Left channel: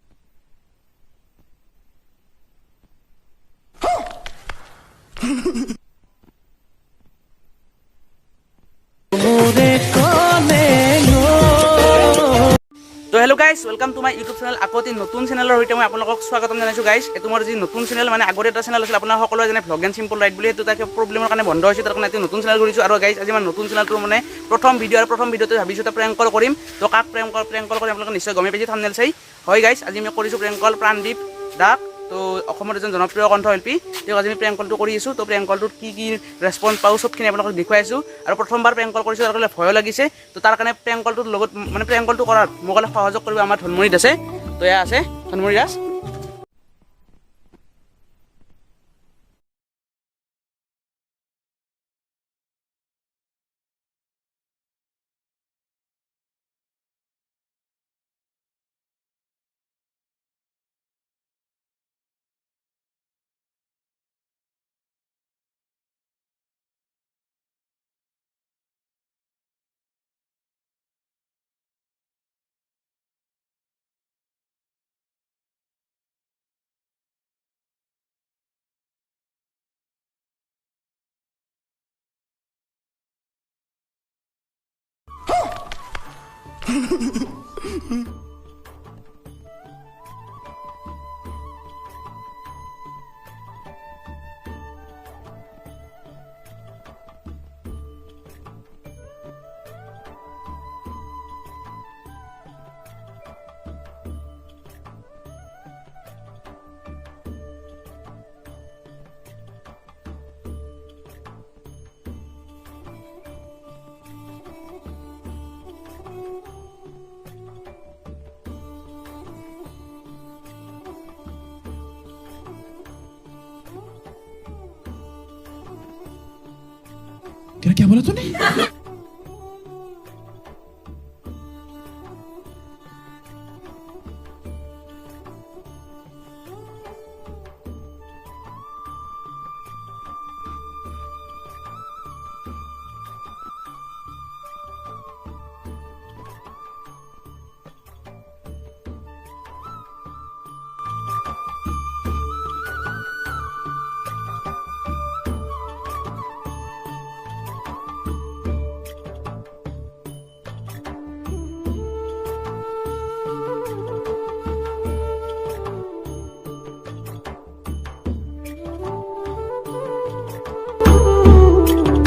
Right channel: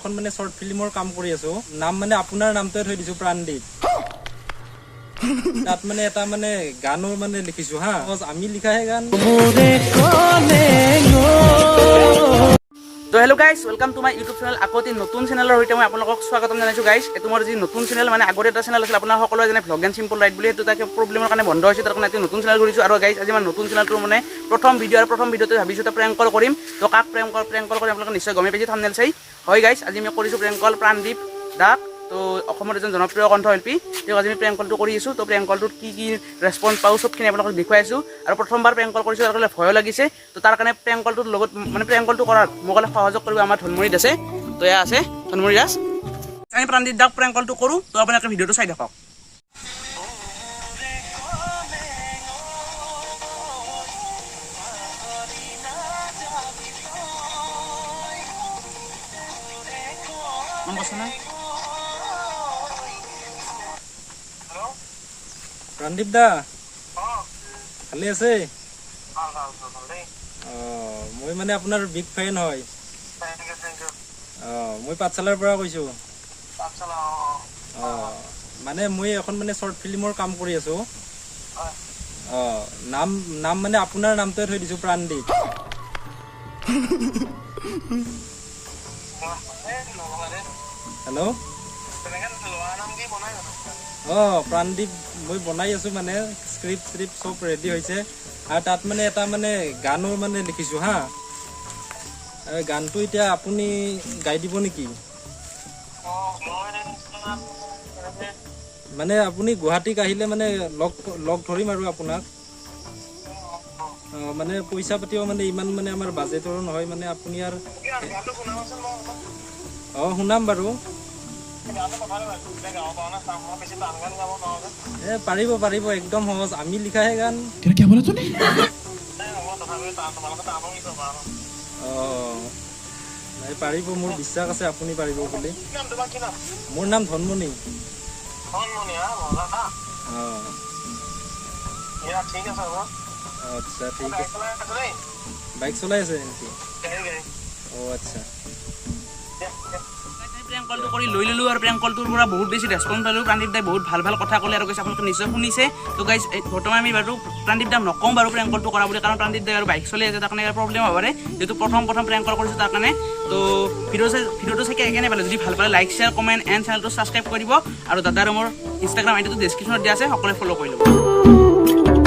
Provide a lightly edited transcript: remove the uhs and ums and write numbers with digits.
এখন মানে শৰ্ট ফিল্মৰ কাম কৰি আছো নাম মানে আপোনাৰ নামটোৱে থৈ দিছো প্ৰাণদীপ তাত মানে এটা মানে গানৰ মানে লিখিছো হা আমি লিখাহে গান তো hello' guys welcome to my YouTube channel আকৌ এটি নতুন চেনেলৰ সৈতে মই আপোনালোকক স্বাগতম জনাইছোঁ গাইজ এইটো মোৰ যি নতুন চেনেল মানে আগতে এটা চেনেল আছিল আপোনাৰ সকলোৱে যেনে ভ্লগ এণ্ড চিম্পল ৰাইড বুলি সেইটো তাকে প্ৰব্লেমৰ কাৰণে বন্ধ হৈছে তাৰ কাৰণে এটা নতুন চেনেল কৰিছোঁ আৰু গাইজ আজি মই নতুন চেনেলটো মানে প্ৰথম ভিডিঅ'তে ভাবিছোঁ এটা প্ৰেংক কল কৰিম তো কাক প্ৰেংক কল কৰি আপোনালোকে নিশ্চয় গমেই পাইছে থাম্বনেইল চাই হয় গাইজ আজি মই কৰিছোঁ প্ৰেংক কল প্ৰাণদীপ দাক তো অসমৰ এজন জনপ্ৰিয় কণ্ঠশিল্পী তেওঁক আজি আমি প্ৰেংক কলটো কৰি আছোঁ তো প্ৰেংক কলটোত কি ৰেছপন্স পাওঁ চবখিনি আপোনালোকক দেখুৱাই আছোঁ আৰু প্ৰথমবাৰ প্ৰেংক কল কৰিছোঁ তাৰ কাৰণে ভয়ো লাগিছে তো তাৰ কাৰণে প্ৰেংক কলটোৰ লগত মানে প্ৰেংক কলটো কৰাত মোক অলপ সহযোগ কৰিব আমাৰ ধনমুৰিত আছে তো এয়া আছে ধনমুৰি দাস আমি প্ৰাণদীপ দাক প্ৰেংক কলটো কৰোঁ তো আপোনালোকে ভিডিঅ'টো চাই থাকক মন কৈছে না প্ৰাণদীপ দা ভালে আছে মই মানে আপোনাৰ বিগ ফেন হয় মই পাঠশালাৰ পৰা কৈছোঁ মানে মই এখন মানে শৰ্ট ফিল্মৰ কাম কৰি আছো নাম মানে আপোনাৰ নামটোৱে থৈ দিছো প্ৰাণদীপ হেল্ল' প্ৰাণদীপ মই বনাই আছো মানে স্ক্ৰিপ্ট চব ৰেডি হৈছে আৰু তাত মানে এটা মানে গানৰ মানে লিখিছো হা গানটো এতিয়া আপুনি গাই দিব নেকি মানে আপুনি গুৱাহাটীক আহিলে মানে লগ ধৰিম আৰু আপোনাক মানে পইচা পাতিও মানে ইমান মানে আমাৰ বাজেটৰো নহয় মানে আপুনি আৰু শুনাম বাৰু পাৰিব একদম সহজ আমি লিখাহে গান পাৰিব মোৰ বিশ্বাস আছে আপুনি পাৰিব বুলি মোৰ নাম ধনমণি আচ্ছা ঠিক আছে বাইক চলাই আছে নেকি আচ্ছা প্ৰেংক কলটো কৰি লৈ ল'লোঁ আৰু প্ৰেংক কলটোৰ পৰা বহুত বেছি ৰেছপন্স পালোঁ প্ৰাণদীপ দাই বহুত ভাল কথা ক'লে আৰু কৈছে আপোনালোকে নিশ্চয় শুনিছে তো গাইজ বৰ্তমান আমি বাৰু প্ৰাণদীপ দাক নকওঁ বাৰু প্ৰেংক কলটো কৰা বুলি কাৰণ প্ৰাণদীপ দাই আৰু বাইক চলি আছে তাৰ কাৰণে প্ৰব্লেম হ'ব পাৰে যিহেতু প্ৰথম প্ৰেংক কল কৰিছোঁ তাৰ কাৰণে তো ভিডিঅ'টো চাই কেনে পালে যদি ভাল পালে লাইক শ্বেয়াৰ কমেণ্ট এণ্ড চেনেলটো ছাবস্ক্ৰাইব কৰিব আৰু দাদা আৰু মোৰ ইনষ্টাগ্ৰাম আইডিটো ডেছক্ৰিপশ্যনত দিয়া আছে সকলোৱে ফ'ল' কৰি ল'ব